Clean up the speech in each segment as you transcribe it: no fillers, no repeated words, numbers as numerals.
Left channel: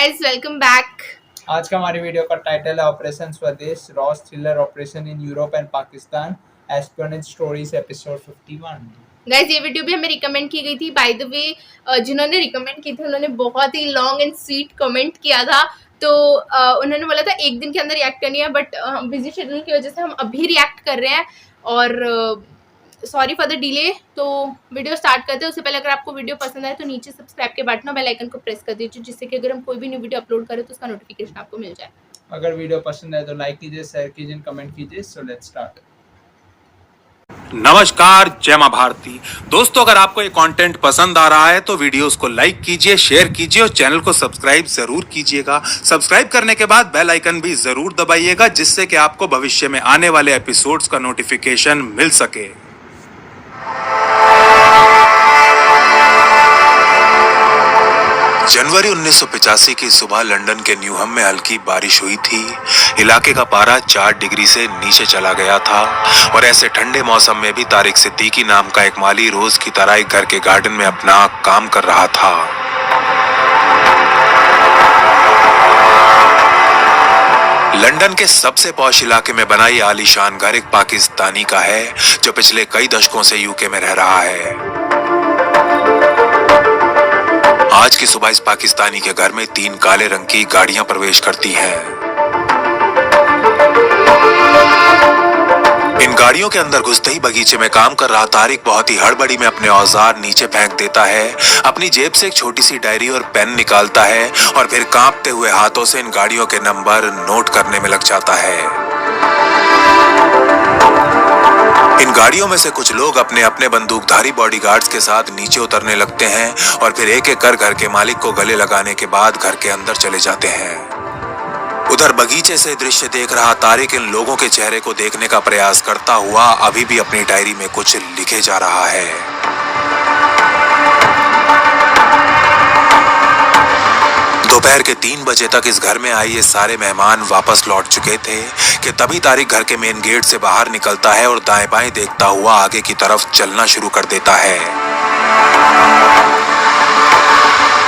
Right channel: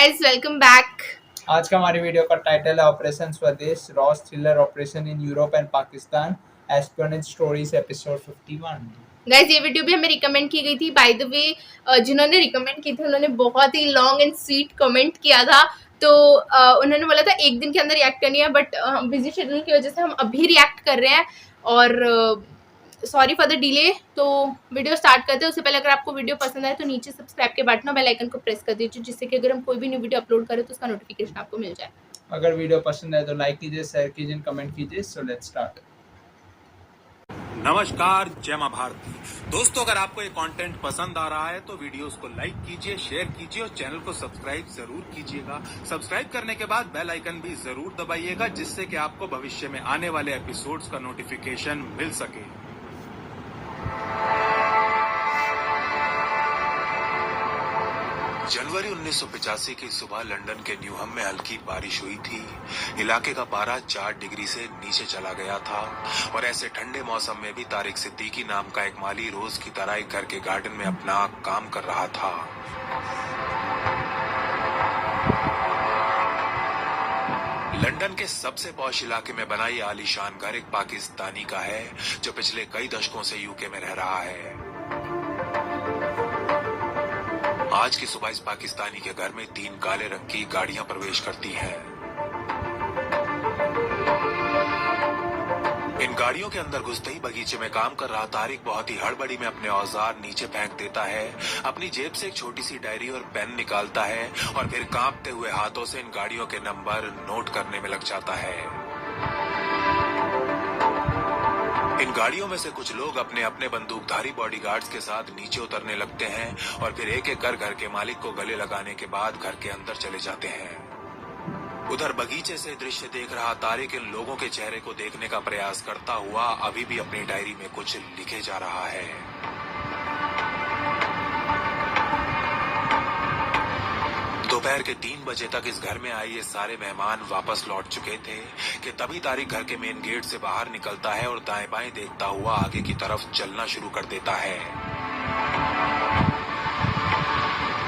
Guys, welcome back. आज का हमारी वीडियो का टाइटल है ऑपरेशन स्वदेश, Ross thriller operation in Europe and Pakistan, espionage stories episode 51। Guys, ये वीडियो भी हमें रिकमेंड की गई थी। बाय द वे, जिन्होंने रिकमेंड की थी उन्होंने बहुत ही लॉन्ग एंड स्वीट कमेंट किया था। तो उन्होंने बोला था एक दिन के अंदर रिएक्ट करनी है, बट बिजी शेड्यूल की वजह से हम अभी रिएक्ट कर रहे हैं और सॉरी फॉर द डिले। तो वीडियो स्टार्ट करते हैं। उससे पहले अगर आपको वीडियो पसंद आए तो नीचे सब्सक्राइब के बटन और बेल आइकन को प्रेस कर दीजिए, जिससे कि अगर हम कोई भी न्यू वीडियो अपलोड करें तो उसका नोटिफिकेशन आपको मिल जाए। अगर वीडियो पसंद आए तो लाइक कीजिए, शेयर कीजिए, कमेंट कीजिए। So let's start. नमस्कार, जय मां भारती। दोस्तों, अगर आपको ये कंटेंट पसंद आ रहा है तो वीडियोस को लाइक कीजिए, शेयर कीजिए और चैनल को सब्सक्राइब जरूर कीजिएगा। सब्सक्राइब करने के बाद बेल आइकन भी जरूर दबाइएगा, जिससे कि आपको भविष्य में आने वाले एपिसोड्स का नोटिफिकेशन मिल सके। जनवरी 1985 की सुबह लंदन के न्यूहम में हल्की बारिश हुई थी। इलाके का पारा 4 डिग्री से नीचे चला गया था और ऐसे ठंडे मौसम में भी तारिक सिद्दीकी नाम का एक माली रोज की तरह एक घर के गार्डन में अपना काम कर रहा था। लंदन के सबसे पॉश इलाके में बना ये आलीशान घर एक पाकिस्तानी का है, जो पिछले कई दशकों से यूके में रह रहा है। आज की सुबह इस पाकिस्तानी के घर में 3 काले रंग की गाड़ियां प्रवेश करती हैं। इन गाड़ियों के अंदर घुसते ही बगीचे में काम कर रहा तारिक बहुत ही हड़बड़ी में अपने औजार नीचे फेंक देता है। अपनी जेब से एक छोटी सी डायरी और पेन निकालता है और फिर कांपते हुए हाथों से इन गाड़ियों के नंबर नोट करने में लग जाता है। इन गाड़ियों में से कुछ लोग अपने अपने बंदूकधारी बॉडीगार्ड्स के साथ नीचे उतरने लगते हैं और फिर एक एक कर घर के मालिक को गले लगाने के बाद घर के अंदर चले जाते हैं। उधर बगीचे से दृश्य देख रहा तारिक इन लोगों के चेहरे को देखने का प्रयास करता हुआ अभी भी अपनी डायरी में कुछ लिखे जा रहा है। दोपहर के 3 बजे तक इस घर में आए ये सारे मेहमान वापस लौट चुके थे कि तभी तारिक घर के मेन गेट से बाहर निकलता है और दाएं बाएं देखता हुआ आगे की तरफ चलना शुरू कर देता है।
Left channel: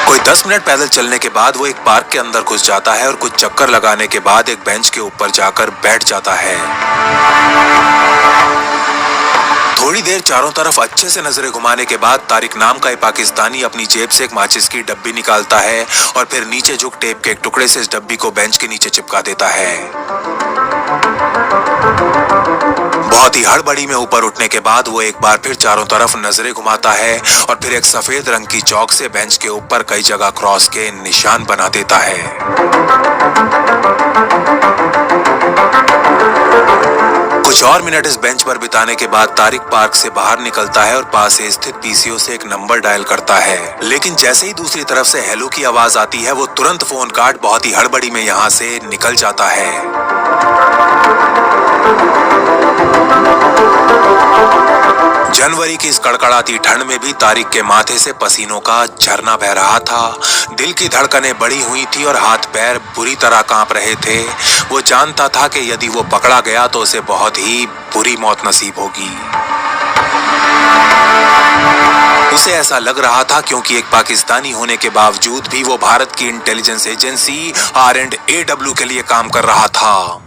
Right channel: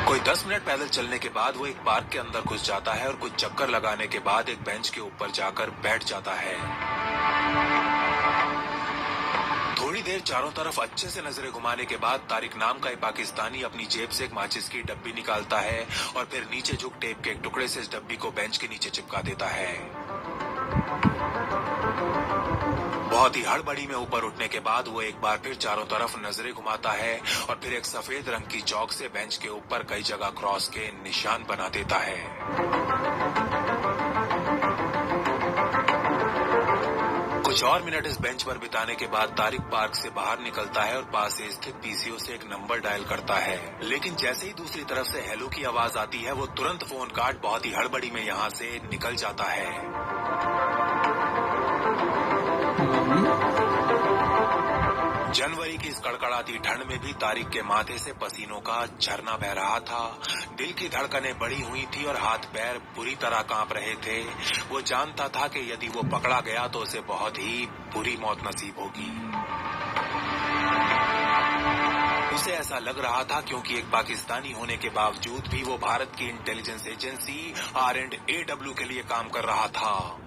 कोई 10 मिनट पैदल चलने के बाद वो एक पार्क के अंदर घुस जाता है और कुछ चक्कर लगाने के बाद एक बेंच के ऊपर जाकर बैठ जाता है। थोड़ी देर चारों तरफ अच्छे से नजरें घुमाने के बाद तारिक नाम का एक पाकिस्तानी अपनी जेब से एक माचिस की डब्बी निकालता है और फिर नीचे झुक टेप के एक टुकड़े से इस डब्बी को बेंच के नीचे चिपका देता है। बहुत ही हड़बड़ी में ऊपर उठने के बाद वो एक बार फिर चारों तरफ नजरें घुमाता है और फिर एक सफेद रंग की चौक से बेंच के ऊपर कई जगह क्रॉस के निशान बना देता है। कुछ और मिनट इस बेंच पर बिताने के बाद तारिक पार्क से बाहर निकलता है और पास से स्थित पीसीओ से एक नंबर डायल करता है, लेकिन जैसे ही दूसरी तरफ से हेलो की आवाज आती है वो तुरंत फोन काट बहुत ही हड़बड़ी में यहाँ से निकल जाता है। जनवरी की इस कड़कड़ाती ठंड में भी तारिक के माथे से पसीनों का झरना बह रहा था। दिल की धड़कनें बढ़ी हुई थी और हाथ पैर बुरी तरह कांप रहे थे। वो जानता था कि यदि वो पकड़ा गया तो उसे बहुत ही बुरी मौत नसीब होगी। उसे ऐसा लग रहा था क्योंकि एक पाकिस्तानी होने के बावजूद भी वो भारत की इंटेलिजेंस एजेंसी R&AW के लिए काम कर रहा था।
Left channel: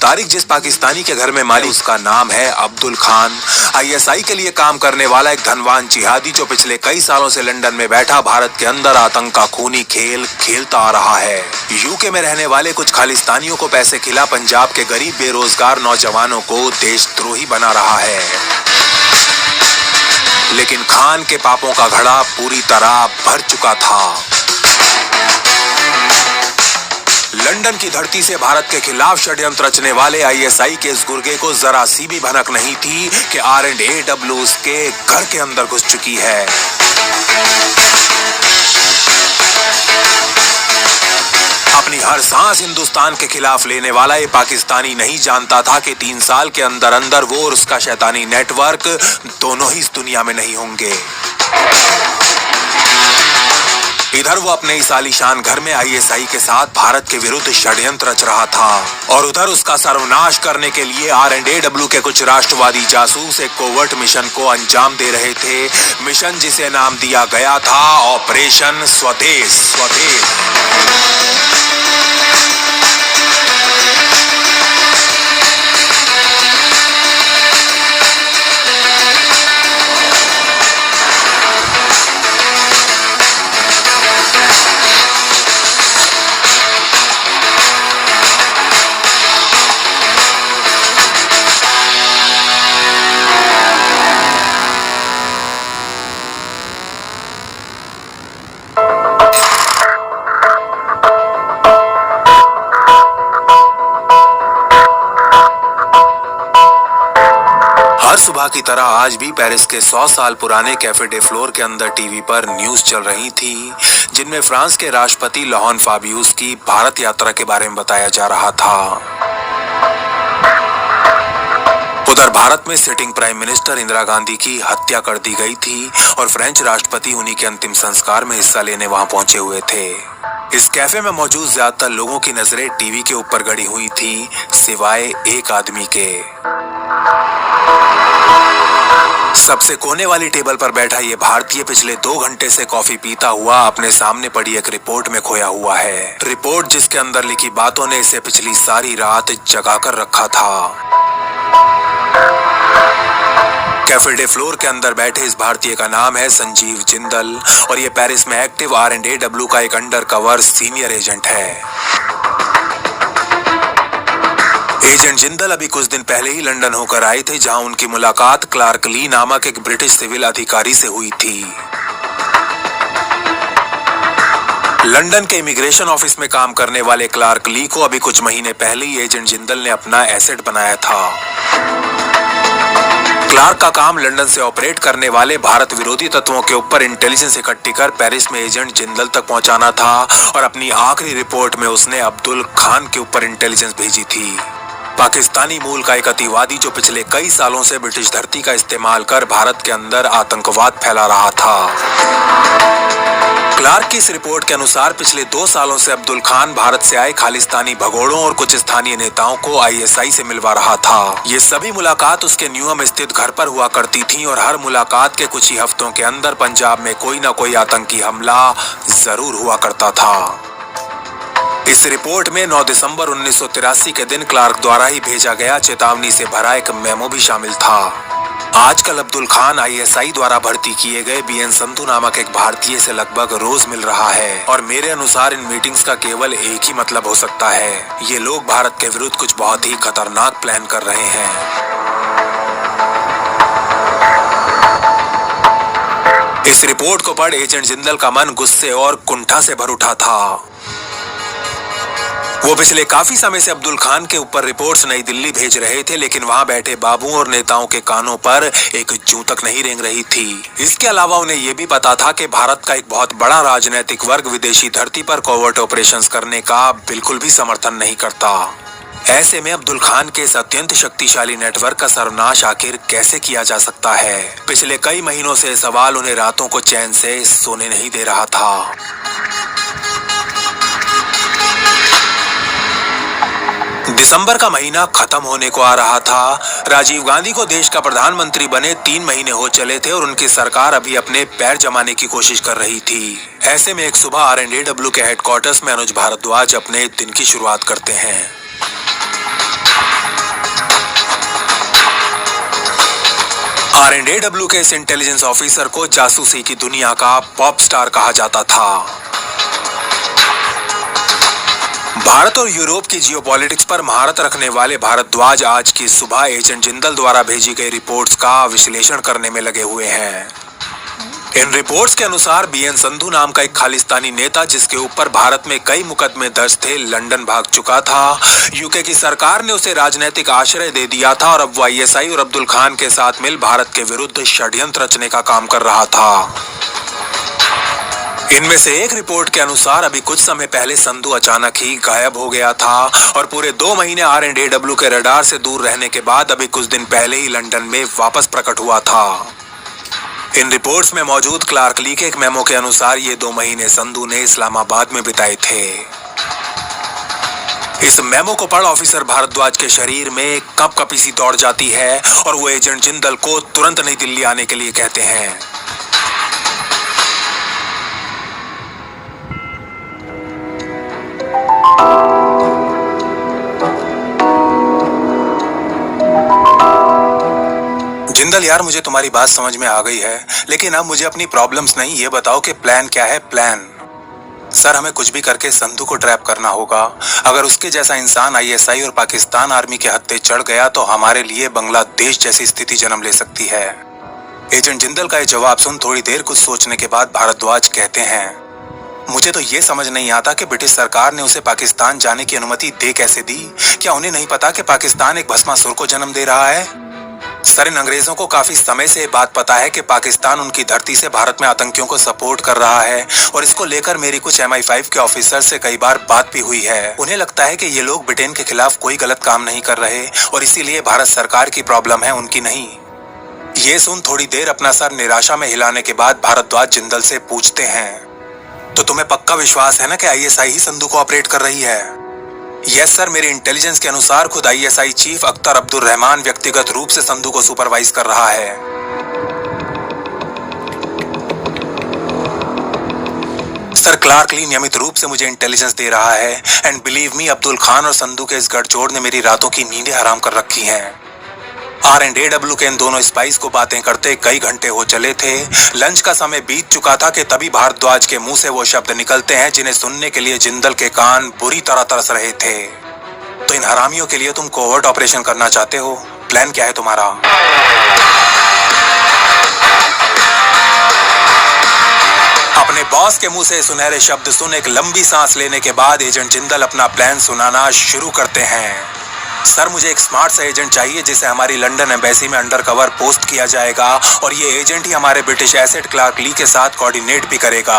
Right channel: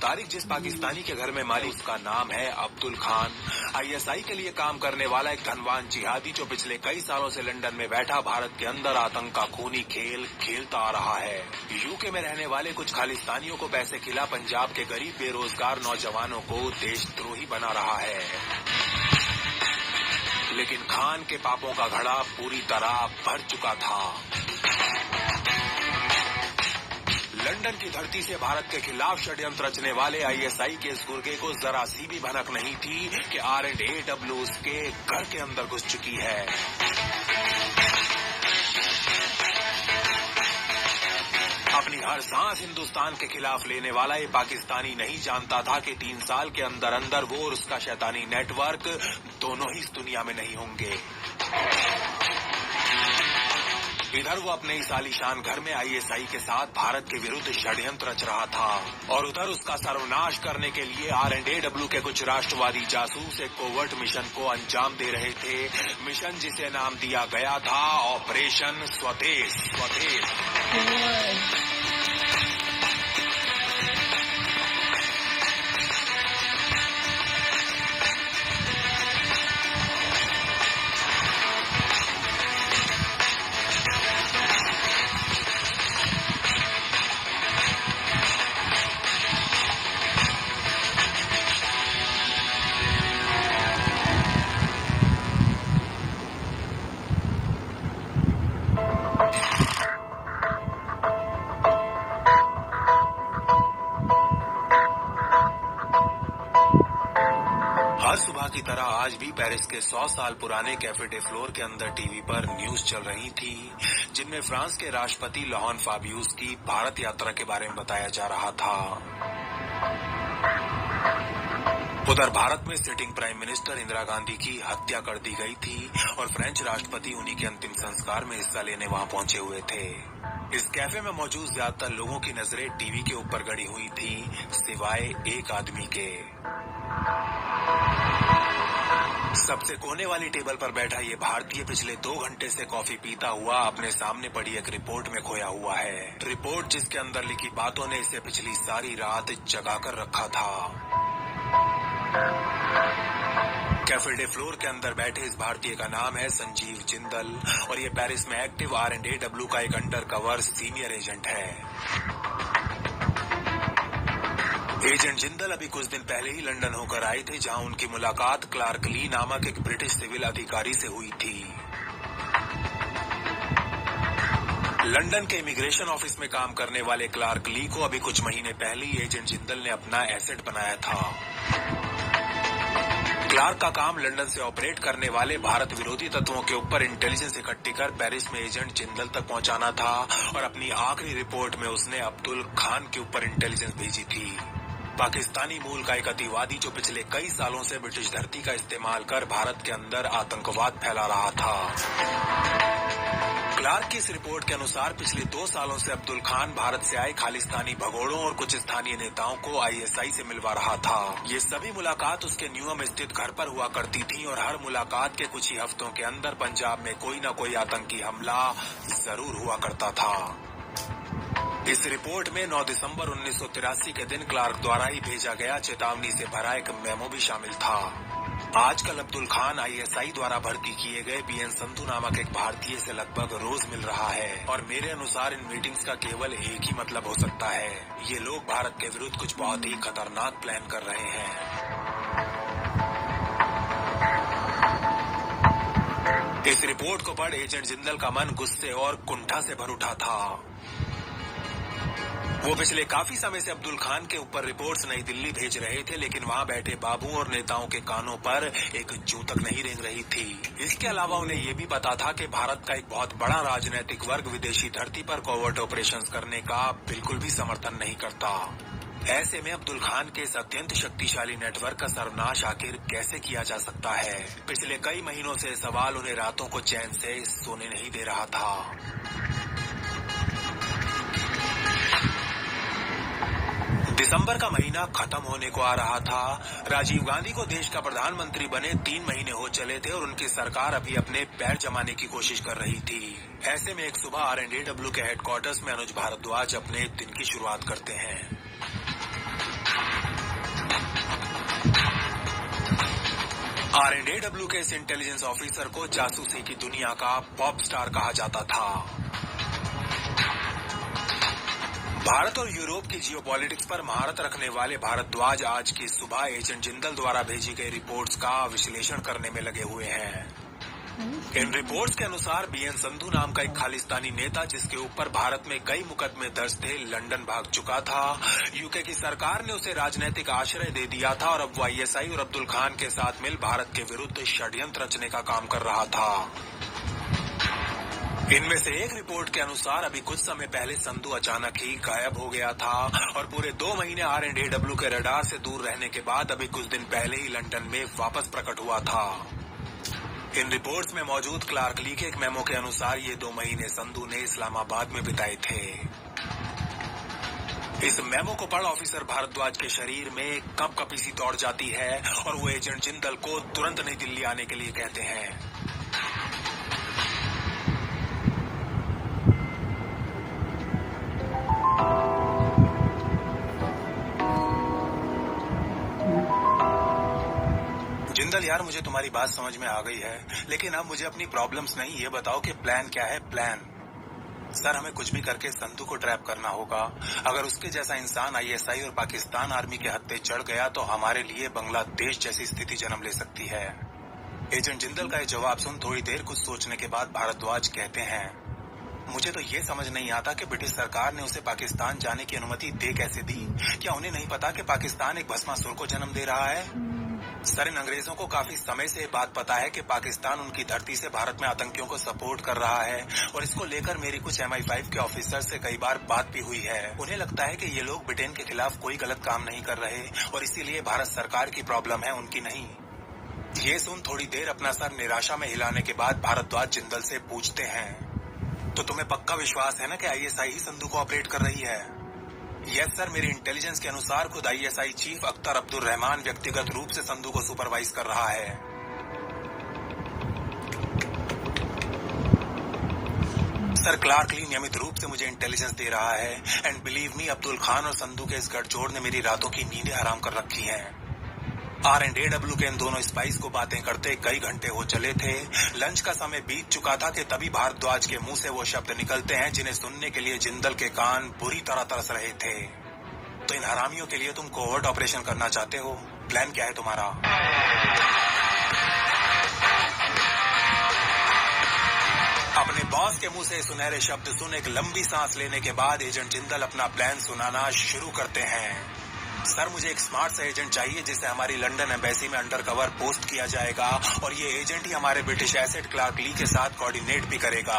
तारिक जिस पाकिस्तानी के घर में माली उसका नाम है अब्दुल खान। ISI के लिए काम करने वाला एक धनवान जिहादी जो पिछले कई सालों से लंदन में बैठा भारत के अंदर आतंक का खूनी खेल खेलता आ रहा है। यूके में रहने वाले कुछ खालिस्तानियों को पैसे खिला पंजाब के गरीब बेरोजगार नौजवानों को देशद्रोही बना रहा है। लेकिन खान के पापों का घड़ा पूरी तरह भर चुका था। लंदन की धरती से भारत के खिलाफ षड्यंत्र रचने वाले ISI के इस गुर्गे को जरा सी भी भनक नहीं थी कि R&AW उसके घर के अंदर घुस चुकी है। अपनी हर सांस हिंदुस्तान के खिलाफ लेने वाला ये पाकिस्तानी नहीं जानता था कि 3 साल के अंदर अंदर वो और उसका शैतानी नेटवर्क दोनों ही इस दुनिया में नहीं होंगे। इधर वो अपने इस आलीशान घर में आईएसआई के साथ भारत के विरुद्ध षड्यंत्र रच रहा था और उधर उसका सर्वनाश करने के लिए RNAW के कुछ राष्ट्रवादी जासूस एक कोवर्ट मिशन को अंजाम दे रहे थे। मिशन जिसे नाम दिया गया था ऑपरेशन स्वदेश। हर सुबह की तरह आज भी पेरिस के 100 साल पुराने कैफे डे फ्लोर के अंदर टीवी पर न्यूज चल रही थी, जिनमें फ्रांस के राष्ट्रपति लॉरेन फाबियुस की भारत यात्रा के बारे में बताया जा रहा था। उधर भारत में sitting prime minister Indira Gandhi की हत्या कर दी गई थी और फ्रेंच राष्ट्रपति उन्हीं के अंतिम संस्कार में हिस्सा लेने वहां पहुंचे हुए थे। इस कैफे में मौजूद ज्यादातर लोगों की नजरें टीवी के ऊपर गड़ी हुई थी, सिवाय एक आदमी के। सबसे कोने वाली टेबल पर बैठा ये भारतीय पिछले 2 घंटे से कॉफी पीता हुआ अपने सामने पड़ी एक रिपोर्ट में खोया हुआ है। रिपोर्ट जिसके अंदर लिखी बातों ने इसे पिछली सारी रात जगा कर रखा था। कैफे डे फ्लोर के अंदर बैठे इस भारतीय का नाम है संजीव जिंदल और ये पेरिस में एक्टिव RNAW का एक अंडरकवर सीनियर एजेंट है। एजेंट जिंदल अभी कुछ दिन पहले ही लंदन होकर आए थे, जहां उनकी मुलाकात क्लार्क ली नामक एक ब्रिटिश सिविल अधिकारी से हुई थी। लंदन के इमिग्रेशन ऑफिस में काम करने वाले क्लार्क ली को अभी कुछ महीने पहले ही एजेंट जिंदल ने अपना एसेट बनाया था। क्लार्क का काम लंदन से ऑपरेट करने वाले भारत विरोधी तत्वों के ऊपर इंटेलिजेंस इकट्ठी कर पेरिस में एजेंट जिंदल तक पहुंचाना था और अपनी आखिरी रिपोर्ट में उसने अब्दुल खान के ऊपर इंटेलिजेंस भेजी थी। पाकिस्तानी मूल का एक अतिवादी जो पिछले कई सालों से ब्रिटिश धरती का इस्तेमाल कर भारत के अंदर आतंकवाद फैला रहा था। क्लार्क की इस रिपोर्ट के अनुसार पिछले 2 सालों से अब्दुल खान भारत से आए खालिस्तानी भगोड़ों और कुछ स्थानीय नेताओं को ISI से मिलवा रहा था। ये सभी मुलाकात उसके न्यूयॉर्क स्थित घर पर हुआ करती थी और हर मुलाकात के कुछ ही हफ्तों के अंदर पंजाब में कोई न कोई आतंकी हमला जरूर हुआ करता था। इस रिपोर्ट में 9 दिसंबर 1983 के दिन क्लार्क द्वारा ही भेजा गया चेतावनी से भरा एक मेमो भी शामिल था। आजकल अब्दुल खान ISI द्वारा भर्ती किए गए BN संधू नामक एक भारतीय से लगभग रोज मिल रहा है और मेरे अनुसार इन मीटिंग्स का केवल एक ही मतलब हो सकता है, ये लोग भारत के विरुद्ध कुछ बहुत ही खतरनाक प्लान कर रहे हैं। इस रिपोर्ट को पढ़ एजेंट जिंदल का मन गुस्से और कुंठा से भर उठा था। वो पिछले काफी समय से अब्दुल खान के ऊपर रिपोर्ट्स नई दिल्ली भेज रहे थे, लेकिन वहां बैठे बाबू और नेताओं के कानों पर एक जूं तक नहीं रेंग रही थी। इसके अलावा उन्हें यह भी पता था कि भारत का एक बहुत बड़ा राजनीतिक वर्ग विदेशी धरती पर कोवर्ट ऑपरेशंस करने का बिल्कुल भी समर्थन नहीं करता। ऐसे में अब्दुल खान के इस अत्यंत शक्तिशाली नेटवर्क का सर्वनाश आखिर कैसे किया जा सकता है? पिछले कई महीनों से सवाल उन्हें रातों को चैन से सोने नहीं दे रहा था। दिसंबर का महीना खत्म होने को आ रहा था। राजीव गांधी को देश का प्रधानमंत्री बने 3 महीने हो चले थे और उनकी सरकार अभी अपने पैर जमाने की कोशिश कर रही थी। ऐसे में एक सुबह RNAW के हेडक्वार्टर्स में अनुज भारद्वाज अपने दिन की शुरुआत करते हैं। RNAW के इस इंटेलिजेंस ऑफिसर को जासूसी की दुनिया का पॉप स्टार कहा जाता था। भारत और यूरोप की जियोपॉलिटिक्स पर महारत रखने वाले भारद्वाज आज की सुबह एजेंट जिंदल द्वारा भेजी गई रिपोर्ट्स का विश्लेषण करने में लगे हुए हैं। इन रिपोर्ट्स के अनुसार BN संधू नाम का एक खालिस्तानी नेता, जिसके ऊपर भारत में कई मुकदमे दर्ज थे, लंदन भाग चुका था। यूके की सरकार ने उसे राजनीतिक आश्रय दे दिया था और अब वो ISI और अब्दुल खान के साथ मिल भारत के विरुद्ध षड्यंत्र रचने का काम कर रहा था। इनमें से एक रिपोर्ट के अनुसार अभी कुछ समय पहले संधू अचानक ही गायब हो गया था और पूरे 2 महीने RNAW के रडार से दूर रहने के बाद अभी कुछ दिन पहले ही लंदन में वापस प्रकट हुआ था। इन रिपोर्ट्स में मौजूद क्लार्क ली के एक मेमो के अनुसार ये 2 महीने संधू ने इस्लामाबाद में बिताए थे। इस मेमो को पढ़ ऑफिसर भारद्वाज के शरीर में कपकपी सी दौड़ जाती है और वो एजेंट जिंदल को तुरंत नई दिल्ली आने के लिए कहते हैं। जिंदल यार, मुझे तुम्हारी बात समझ में आ गई है, लेकिन अब मुझे अपनी प्रॉब्लम्स नहीं, ये बताओ कि प्लान क्या है। प्लान सर, हमें कुछ भी करके संधू को ट्रैप करना होगा। अगर उसके जैसा इंसान आईएसआई और पाकिस्तान आर्मी के हत्थे चढ़ गया तो हमारे लिए बांग्लादेश जैसी स्थिति जन्म ले सकती है। एजेंट जिंदल का ये जवाब सुन थोड़ी देर कुछ सोचने के बाद भारद्वाज कहते हैं, मुझे तो ये समझ नहीं आता कि ब्रिटिश सरकार ने उसे पाकिस्तान जाने की अनुमति दे कैसे दी। क्या उन्हें नहीं पता कि पाकिस्तान एक भस्मासुर को जन्म दे रहा है? सर, इन अंग्रेजों को काफी समय से ये बात पता है कि पाकिस्तान उनकी धरती से भारत में आतंकियों को सपोर्ट कर रहा है और इसको लेकर मेरी कुछ MI5 के ऑफिसर से कई बार बात भी हुई है। उन्हें लगता है कि ये लोग ब्रिटेन के खिलाफ कोई गलत काम नहीं कर रहे और इसीलिए भारत सरकार की प्रॉब्लम है, उनकी नहीं। ये सुन थोड़ी देर अपना सर निराशा में हिलाने के बाद भारद्वाज जिंदल से पूछते हैं, तो तुम्हें पक्का विश्वास है ना कि ISI ही संधू को ऑपरेट कर रही है? यस सर, मेरी इंटेलिजेंस के अनुसार खुद ISI चीफ अख्तर अब्दुल रहमान व्यक्तिगत रूप से संधू को सुपरवाइज कर रहा है। सर, क्लार्क ली नियमित रूप से मुझे इंटेलिजेंस दे रहा है and believe me, Abdul Khan और संधू के इस गठजोड़ ने मेरी रातों की नींदें हराम कर रखी हैं। R&AW के इन दोनों स्पाइस को बातें करते कई घंटे हो चले थे। लंच का समय बीत चुका था कि तभी भारद्वाज के मुंह से वो शब्द निकलते हैं जिन्हें सुनने के लिए जिंदल के कान बुरी तरह तरस रहे थे। तो इन हरामियों के लिए तुम कोवर्ट ऑपरेशन करना चाहते हो? प्लान क्या है तुम्हारा? अपने बॉस के मुंह से सुनहरे शब्द सुन एक लंबी सांस लेने के बाद एजेंट जिंदल अपना प्लान सुनाना शुरू करते हैं। सर, मुझे एक स्मार्ट सा एजेंट चाहिए जिसे हमारी लंदन एम्बेसी में अंडरकवर पोस्ट किया जाएगा और ये एजेंट ही हमारे ब्रिटिश एसेट क्लार्क ली के साथ कोऑर्डिनेट भी करेगा।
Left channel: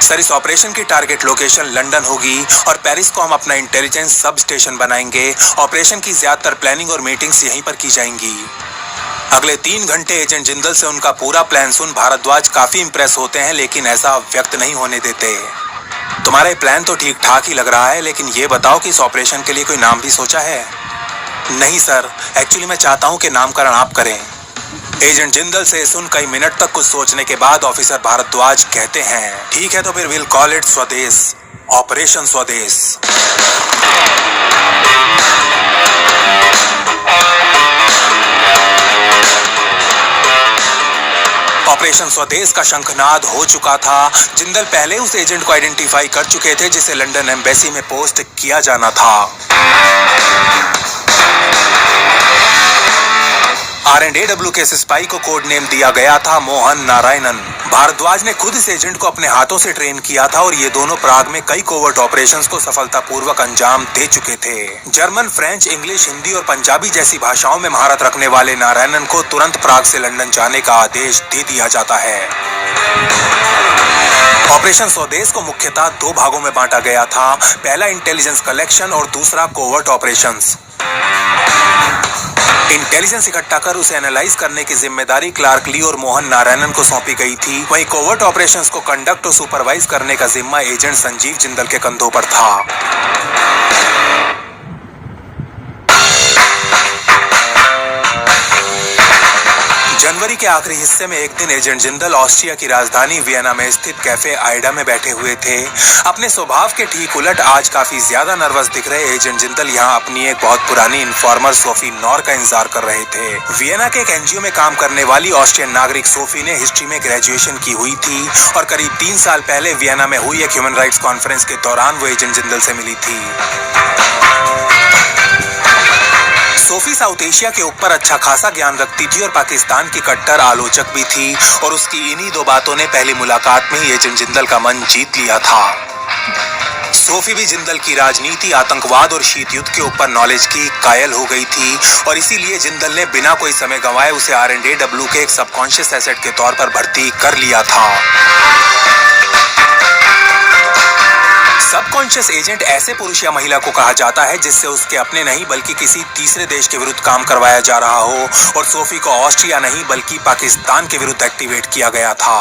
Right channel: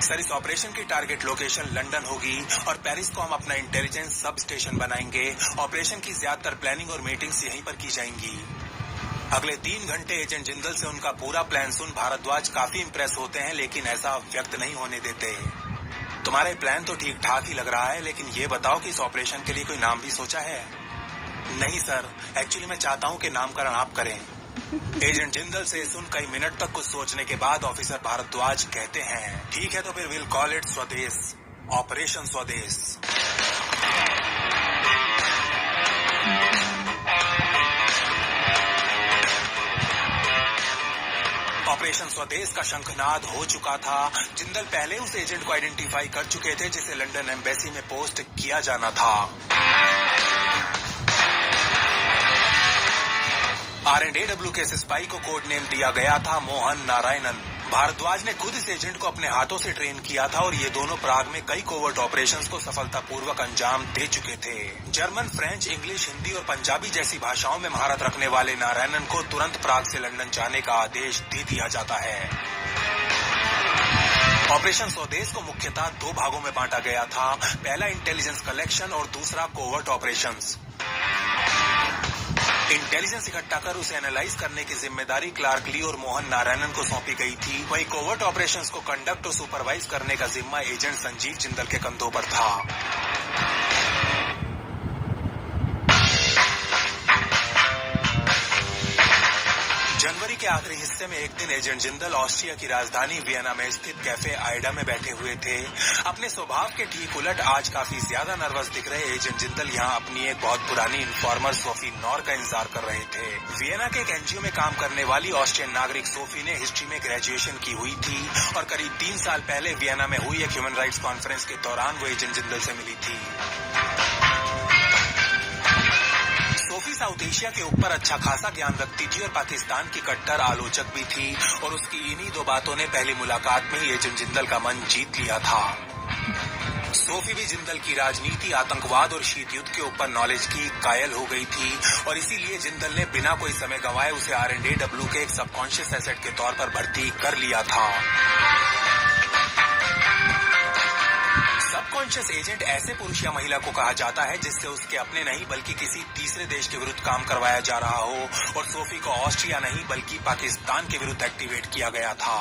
सर, इस ऑपरेशन की टारगेट लोकेशन लंदन होगी और पेरिस को हम अपना इंटेलिजेंस सब स्टेशन बनाएंगे। ऑपरेशन की ज्यादातर प्लानिंग और मीटिंग्स यहीं पर की जाएंगी। अगले 3 घंटे एजेंट जिंदल से उनका पूरा प्लान सुन भारद्वाज काफी इंप्रेस होते हैं, लेकिन ऐसा व्यक्त नहीं होने देते। तुम्हारा ये प्लान तो ठीक ठाक ही लग रहा है, लेकिन ये बताओ कि इस ऑपरेशन के लिए कोई नाम भी सोचा है? नहीं सर, एक्चुअली मैं चाहता हूँ कि नामकरण आप करें। एजेंट जिंदल से सुन कई मिनट तक कुछ सोचने के बाद ऑफिसर भारद्वाज कहते हैं, ठीक है तो फिर विल कॉल इट स्वदेश, ऑपरेशन स्वदेश। ऑपरेशन स्वदेश का शंखनाद हो चुका था। जिंदल पहले उस एजेंट को आइडेंटिफाई कर चुके थे जिसे लंदन एम्बेसी में पोस्ट किया जाना था। R&AW के इस स्पाई को कोड नेम दिया गया था मोहन नारायणन। भारद्वाज ने खुद इस एजेंट को अपने हाथों से ट्रेन किया था और ये दोनों प्राग में कई कोवर्ट ऑपरेशंस को सफलतापूर्वक अंजाम दे चुके थे। जर्मन, फ्रेंच, इंग्लिश, हिंदी और पंजाबी जैसी भाषाओं में महारत रखने वाले नारायणन को तुरंत प्राग से लंदन जाने का आदेश दे दिया जाता है। ऑपरेशन स्वदेश को मुख्यतः 2 भागों में बांटा गया था। पहला इंटेलिजेंस कलेक्शन और दूसरा कोवर्ट ऑपरेशंस। इंटेलिजेंस इकट्ठा कर उसे एनालाइज करने की जिम्मेदारी क्लार्क ली और मोहन नारायणन को सौंपी गई थी। वहीं कोवर्ट ऑपरेशंस को कंडक्ट और सुपरवाइज करने का जिम्मा एजेंट संजीव जिंदल के कंधों पर था। जनवरी के आखिरी हिस्से में एक दिन एजेंट जिंदल ऑस्ट्रिया की राजधानी वियना में स्थित कैफे आइडा में बैठे हुए थे। अपने स्वभाव के ठीक उलट आज काफी ज्यादा नर्वस दिख रहे एजेंट जिंदल यहाँ अपनी एक बहुत पुरानी इन्फॉर्मर सोफी नॉर का इंतजार कर रहे थे। वियना के एक एनजीओ में काम करने वाली ऑस्ट्रियन नागरिक सोफी ने हिस्ट्री में ग्रेजुएशन की हुई थी और करीब 3 साल पहले वियना में हुई एक ह्यूमन राइट्स कॉन्फ्रेंस के दौरान वो एजेंट जिंदल से मिली थी। सोफी साउथ एशिया के ऊपर अच्छा खासा ज्ञान रखती थी और पाकिस्तान की कट्टर आलोचक भी थी और उसकी इन्हीं 2 बातों ने पहली मुलाकात में ही एजेंट जिंदल का मन जीत लिया था। सोफी भी जिंदल की राजनीति, आतंकवाद और शीत युद्ध के ऊपर नॉलेज की कायल हो गई थी और इसीलिए जिंदल ने बिना कोई समय गंवाए उसे R&AW के एक सबकॉन्शियस एसेट के तौर पर भर्ती कर लिया था। सबकॉन्शियस एजेंट ऐसे पुरुष या महिला को कहा जाता है जिससे उसके अपने नहीं बल्कि किसी तीसरे देश के विरुद्ध काम करवाया जा रहा हो, और सोफी को ऑस्ट्रिया नहीं बल्कि पाकिस्तान के विरुद्ध एक्टिवेट किया गया था।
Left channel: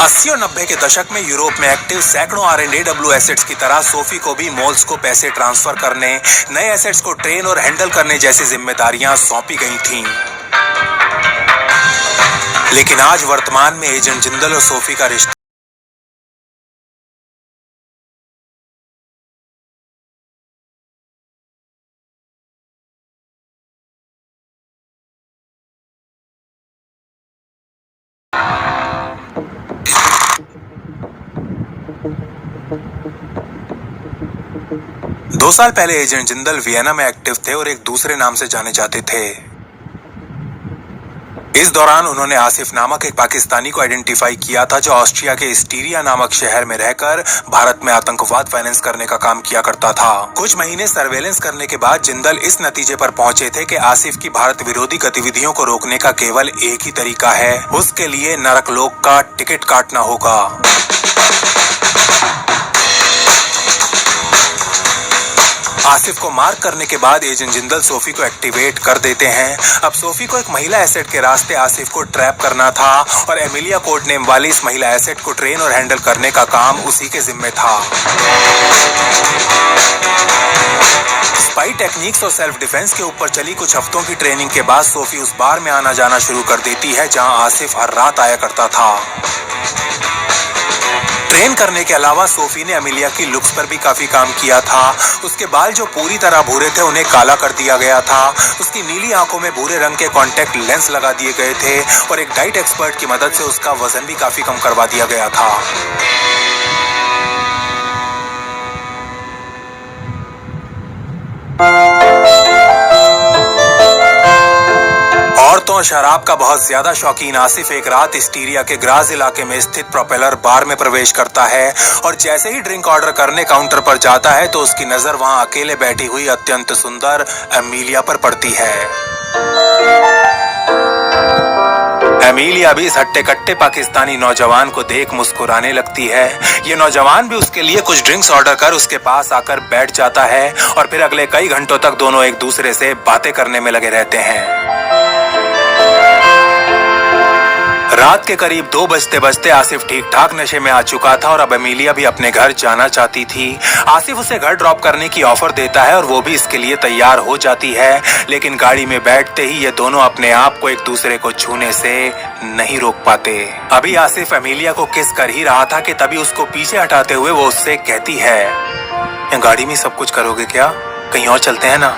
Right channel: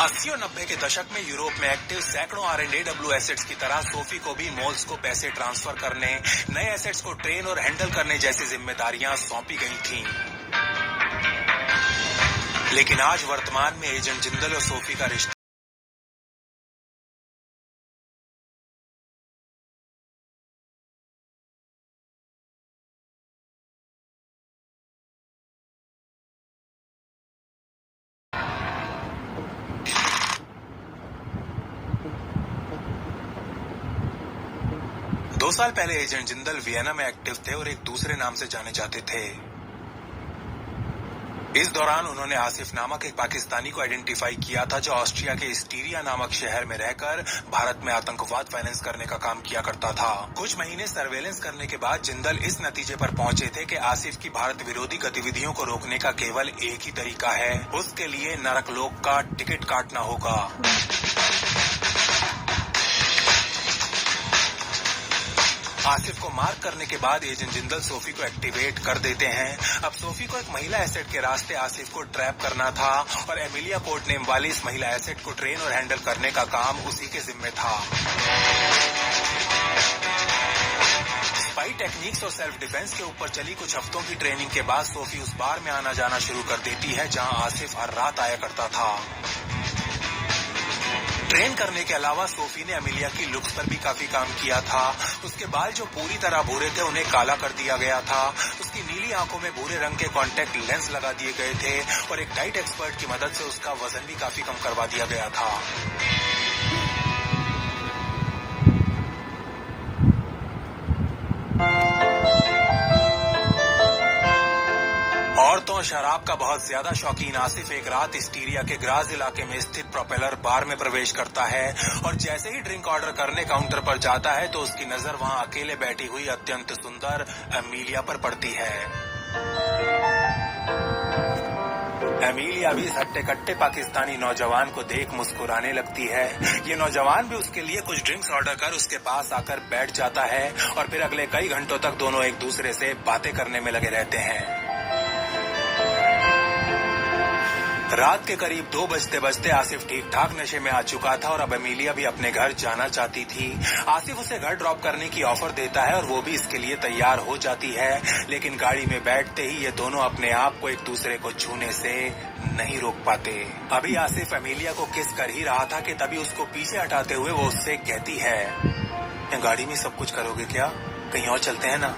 अस्सी और 90 के दशक में यूरोप में एक्टिव सैकड़ों R&AW एसेट्स की तरह सोफी को भी मॉल्स को पैसे ट्रांसफर करने, नए एसेट्स को ट्रेन और हैंडल करने जैसी जिम्मेदारियां सौंपी गई थीं। लेकिन आज वर्तमान में एजेंट जिंदल और सोफी का रिश्ता दो साल पहले एजेंट जिंदल वियना में एक्टिव थे और एक दूसरे नाम से जाने जाते थे। इस दौरान उन्होंने आसिफ नामक एक पाकिस्तानी को आइडेंटिफाई किया था जो ऑस्ट्रिया के स्टीरिया नामक शहर में रहकर भारत में आतंकवाद फाइनेंस करने का काम किया करता था। कुछ महीने सर्वेलेंस करने के बाद जिंदल इस नतीजे पर पहुंचे थे कि आसिफ की भारत विरोधी गतिविधियों को रोकने का केवल एक ही तरीका है, उसके लिए नरकलोक का टिकट काटना होगा। आसिफ को मार्क करने के बाद एजेंट जिंदल सोफी को एक्टिवेट कर देते हैं। अब सोफी को एक महिला एसेट के रास्ते आसिफ को ट्रैप करना था और एमिलिया कोड नेम वाली इस महिला एसेट को ट्रेन और हैंडल करने का काम उसी के जिम्मे था। स्पाई टेक्निक्स और सेल्फ डिफेंस के ऊपर चली कुछ हफ्तों की ट्रेनिंग के बाद सोफी उस बार में आना जाना शुरू कर देती है जहां आसिफ हर रात आया करता था। ट्रेन करने के अलावा सोफी ने अमिलिया की लुक्स पर भी काफी काम किया था। उसके बाल जो पूरी तरह भूरे थे उन्हें काला कर दिया गया था। उसकी नीली आंखों में भूरे रंग के कॉन्टैक्ट लेंस लगा दिए गए थे और एक डाइट एक्सपर्ट की मदद से उसका वजन भी काफी कम करवा दिया गया था। औरतों और शराब का बहुत ज्यादा शौकीन आसिफ एक रात स्टीरिया के ग्राज इलाके में स्थित प्रोपेलर बार में प्रवेश करता है और जैसे ही ड्रिंक ऑर्डर करने काउंटर पर जाता है तो उसकी नजर वहां अकेले बैठी हुई अत्यंत सुंदर एमिलिया पर पड़ती है। एमिलिया भी इस हट्टे कट्टे पाकिस्तानी नौजवान को देख मुस्कुराने लगती है। ये नौजवान भी उसके लिए कुछ ड्रिंक्स ऑर्डर कर उसके पास आकर बैठ जाता है और फिर अगले कई घंटों तक दोनों एक दूसरे से बातें करने में लगे रहते हैं। रात के करीब 2 बजते आसिफ ठीक ठाक नशे में आ चुका था और अब एमिलिया भी अपने घर जाना चाहती थी। आसिफ उसे घर ड्रॉप करने की ऑफर देता है और वो भी इसके लिए तैयार हो जाती है, लेकिन गाड़ी में बैठते ही ये दोनों अपने आप को एक दूसरे को छूने से नहीं रोक पाते। अभी आसिफ एमिलिया को किस कर ही रहा था कि तभी उसको पीछे हटाते हुए वो उससे कहती है, गाड़ी में सब कुछ करोगे क्या? कहीं और चलते हैं ना।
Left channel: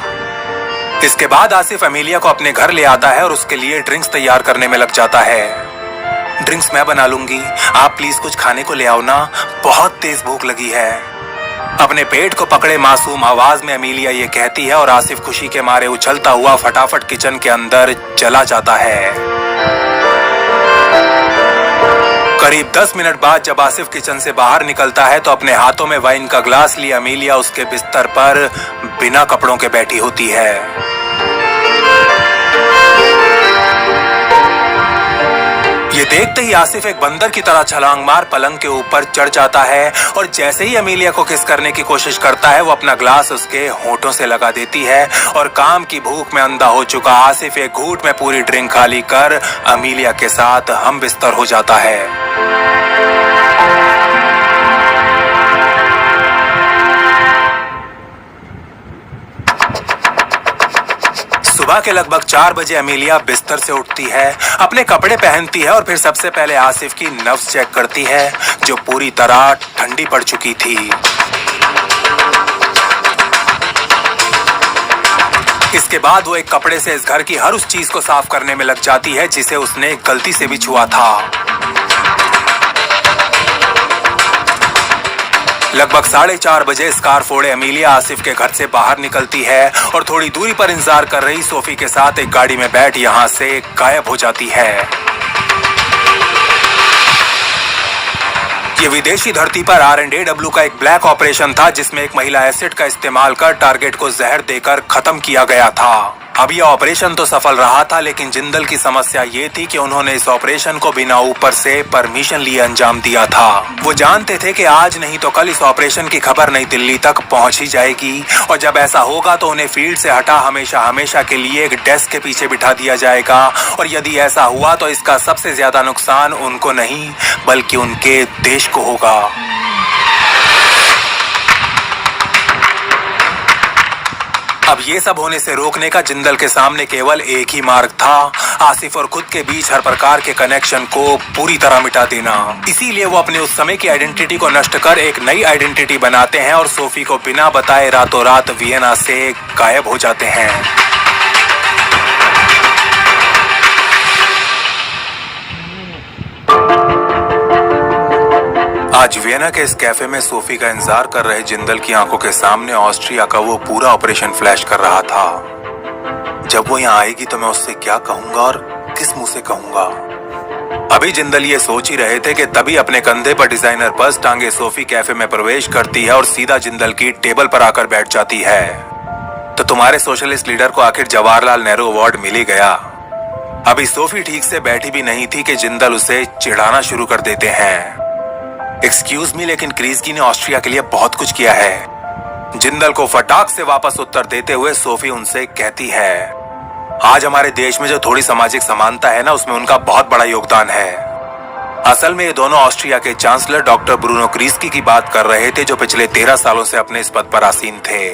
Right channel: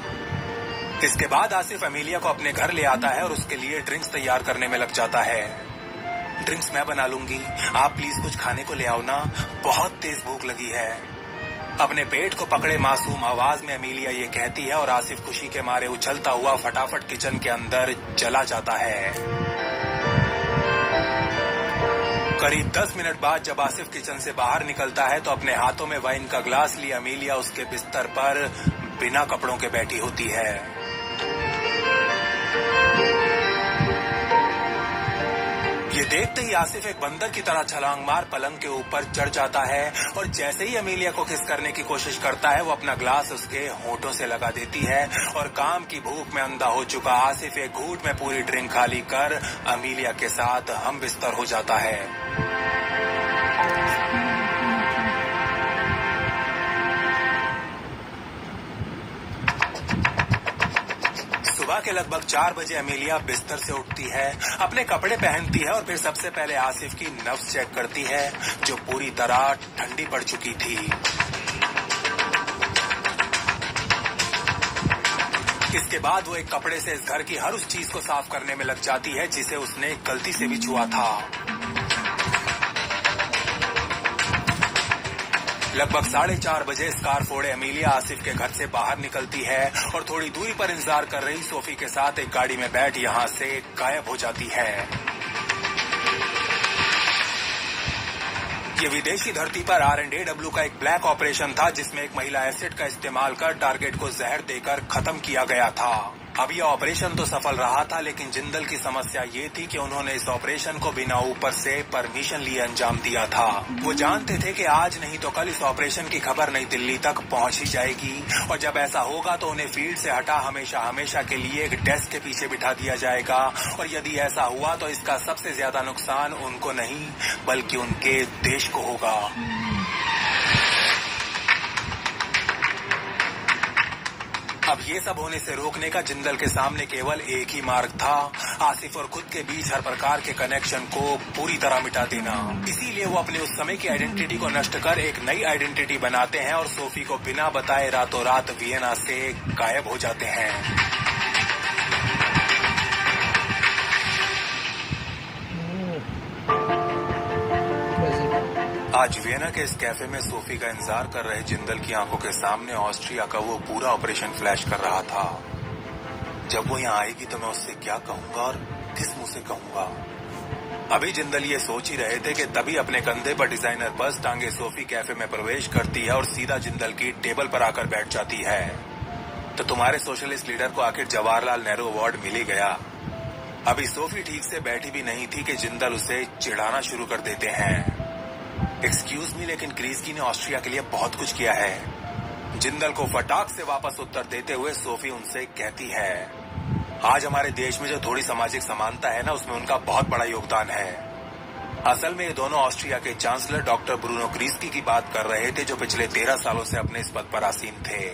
इसके बाद आसिफ एमिलिया को अपने घर ले आता है और उसके लिए ड्रिंक्स तैयार करने में लग जाता है। ड्रिंक्स मैं बना लूंगी, आप प्लीज कुछ खाने को ले आओ ना, बहुत तेज भूख लगी है। अपने पेट को पकड़े मासूम आवाज में एमिलिया ये कहती है और आसिफ खुशी के मारे उछलता हुआ फटाफट किचन के अंदर चला जाता है। करीब 10 मिनट बाद जब आसिफ किचन से बाहर निकलता है तो अपने हाथों में वाइन का ग्लास लिए एमिलिया उसके बिस्तर पर बिना कपड़ों के बैठी होती है। ये देखते ही आसिफ एक बंदर की तरह छलांग मार पलंग के ऊपर चढ़ जाता है और जैसे ही एमिलिया को किस करने की कोशिश करता है वो अपना ग्लास उसके होठों से लगा देती है और काम की भूख में अंधा हो चुका आसिफ एक घूंट में पूरी ड्रिंक खाली कर एमिलिया के साथ हम बिस्तर हो जाता है। सुबह के लगभग 4 बजे एमिलिया बिस्तर से उठती है, अपने कपड़े पहनती है और फिर सबसे पहले आसिफ की नब्ज चेक करती है जो पूरी तरह ठंडी पड़ चुकी थी। इसके बाद वो एक कपड़े से इस घर की हर उस चीज को साफ करने में लग जाती है जिसे उसने गलती से भी छुआ था। लगभग 4:30 बजे स्कार फोड़े एमिलिया आसिफ के घर से बाहर निकलती है और थोड़ी दूरी पर इंतजार कर रही सोफी के साथ एक गाड़ी में बैठ यहां से गायब हो जाती है। ये विदेशी धरती पर R&AW का एक ब्लैक ऑपरेशन था जिसमें एक महिला एसिड का इस्तेमाल कर टारगेट को जहर देकर खत्म किया गया था। अब यह ऑपरेशन तो सफल रहा था, लेकिन जिंदल की समस्या ये थी कि उन्होंने इस ऑपरेशन को बिना ऊपर से परमिशन लिए अंजाम दिया था। वो जानते थे कि आज नहीं तो कल इस ऑपरेशन की खबर नई दिल्ली तक पहुंच ही जाएगी, और जब ऐसा होगा तो उन्हें फील्ड से हटा हमेशा हमेशा के लिए एक डेस्क के पीछे बिठा दिया जाएगा। और यदि ऐसा हुआ तो इसका सबसे ज्यादा नुकसान उनको नहीं बल्कि उनके देश को होगा। अब ये सब होने से रोकने का जिंदल के सामने केवल एक ही मार्ग था, आसिफ और खुद के बीच हर प्रकार के कनेक्शन को पूरी तरह मिटा देना। इसीलिए वो अपने उस समय की आइडेंटिटी को नष्ट कर एक नई आइडेंटिटी बनाते हैं और सोफी को बिना बताए रातों रात वियना से गायब हो जाते हैं। आज वियना के इस कैफे में सोफी का इंतजार कर रहे जिंदल की आंखों के सामने ऑस्ट्रिया का वो पूरा ऑपरेशन फ्लैश कर रहा था। जब वो यहाँ आएगी तो मैं उससे क्या कहूंगा और किस मुंह से कहूंगा। अभी जिंदल ये सोच ही रहे थे कि तभी अपने कंधे पर डिजाइनर पर्स टांगे सोफी कैफे में प्रवेश करती है और सीधा जिंदल की टेबल पर आकर बैठ जाती है। तो तुम्हारे सोशलिस्ट लीडर को आखिर जवाहरलाल नेहरू अवार्ड मिल ही गया। अभी सोफी ठीक से बैठी भी नहीं थी कि जिंदल उसे चिढ़ाना शुरू कर देते हैं। एक्सक्यूज मी, लेकिन क्रीजगी ने ऑस्ट्रिया के लिए बहुत कुछ किया है। जिंदल को फटाक से वापस उत्तर देते हुए सोफी उनसे कहती है, आज हमारे देश में जो थोड़ी सामाजिक समानता है ना, उसमें उनका बहुत बड़ा योगदान है। असल में ये दोनों ऑस्ट्रिया के चांसलर डॉक्टर ब्रूनो क्रीजगी की बात कर रहे थे, जो पिछले 13 सालों से अपने इस पद पर आसीन थे।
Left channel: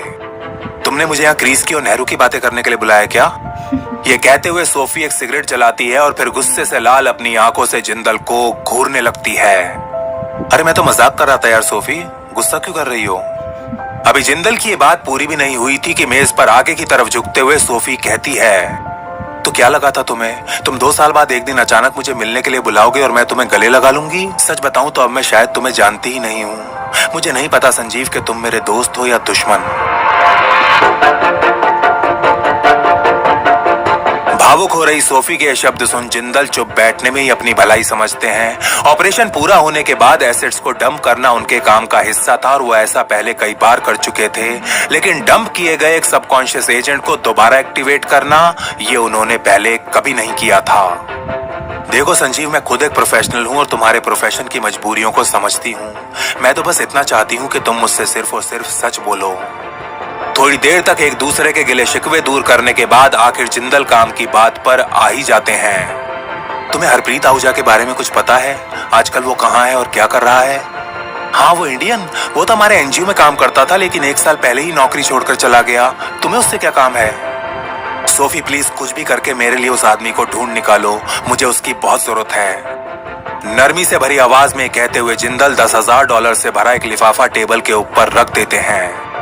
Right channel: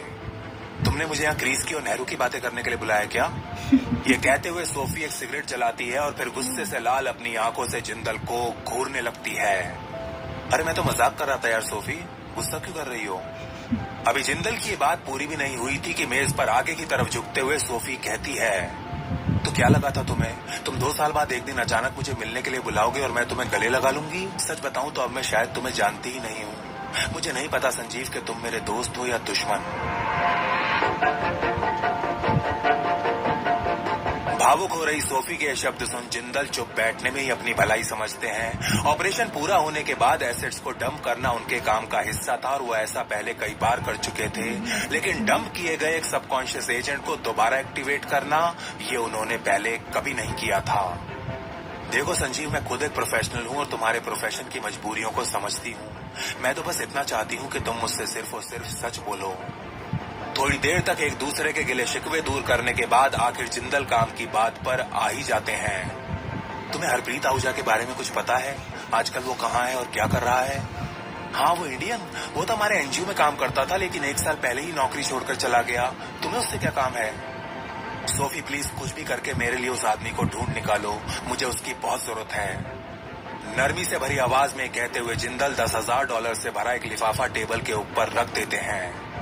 तुमने मुझे यहाँ क्रीजगी और नेहरू की बातें करने के लिए बुलाया क्या? ये कहते हुए सोफी एक सिगरेट जलाती है और फिर गुस्से से लाल अपनी आंखों से जिंदल को घूरने लगती है। अरे मैं तो मजाक कर रहा था यार सोफी, गुस्सा क्यों कर रही हो? अभी जिंदल की ये बात पूरी भी नहीं हुई थी कि मेज पर आगे की तरफ झुकते हुए सोफी कहती है, तो क्या लगा था तुम्हें? तुम 2 साल बाद एक दिन अचानक मुझे मिलने के लिए बुलाओगे और मैं तुम्हें गले लगा लूंगी? सच बताऊं तो अब मैं शायद तुम्हें जानती ही नहीं हूँ। मुझे नहीं पता संजीव कि तुम मेरे दोस्त हो या दुश्मन। भावुक हो रही सोफी के शब्द सुन जिंदल चुप बैठने में ही अपनी भलाई समझते हैं। ऑपरेशन पूरा होने के बाद एसेट्स को डंप करना उनके काम का हिस्सा था और वो ऐसा पहले कई बार कर चुके थे, लेकिन डंप किए गए एक सबकॉन्शियस एजेंट को दोबारा एक्टिवेट करना ये उन्होंने पहले कभी नहीं किया था। देखो संजीव, मैं खुद एक प्रोफेशनल हूँ और तुम्हारे प्रोफेशन की मजबूरियों को समझती हूँ। मैं तो बस इतना चाहती हूँ कि तुम मुझसे सिर्फ और सिर्फ सच बोलो। थोड़ी देर तक एक दूसरे के गिले शिकवे दूर करने के बाद आखिर जिंदल काम की बात पर आ ही जाते हैं। तुम्हें हरप्रीत आहूजा के बारे में कुछ पता है? आजकल वो कहाँ है और क्या कर रहा है? हाँ, वो इंडियन, वो तो हमारे एनजीओ में काम करता था, लेकिन 1 साल पहले ही नौकरी छोड़कर चला गया। तुम्हें उससे क्या काम है? सोफी प्लीज कुछ भी करके मेरे लिए उस आदमी को ढूंढ निकालो, मुझे उसकी बहुत जरूरत है। नरमी से भरी आवाज में कहते हुए जिंदल $10,000 से भरा एक लिफाफा टेबल के ऊपर रख देते हैं।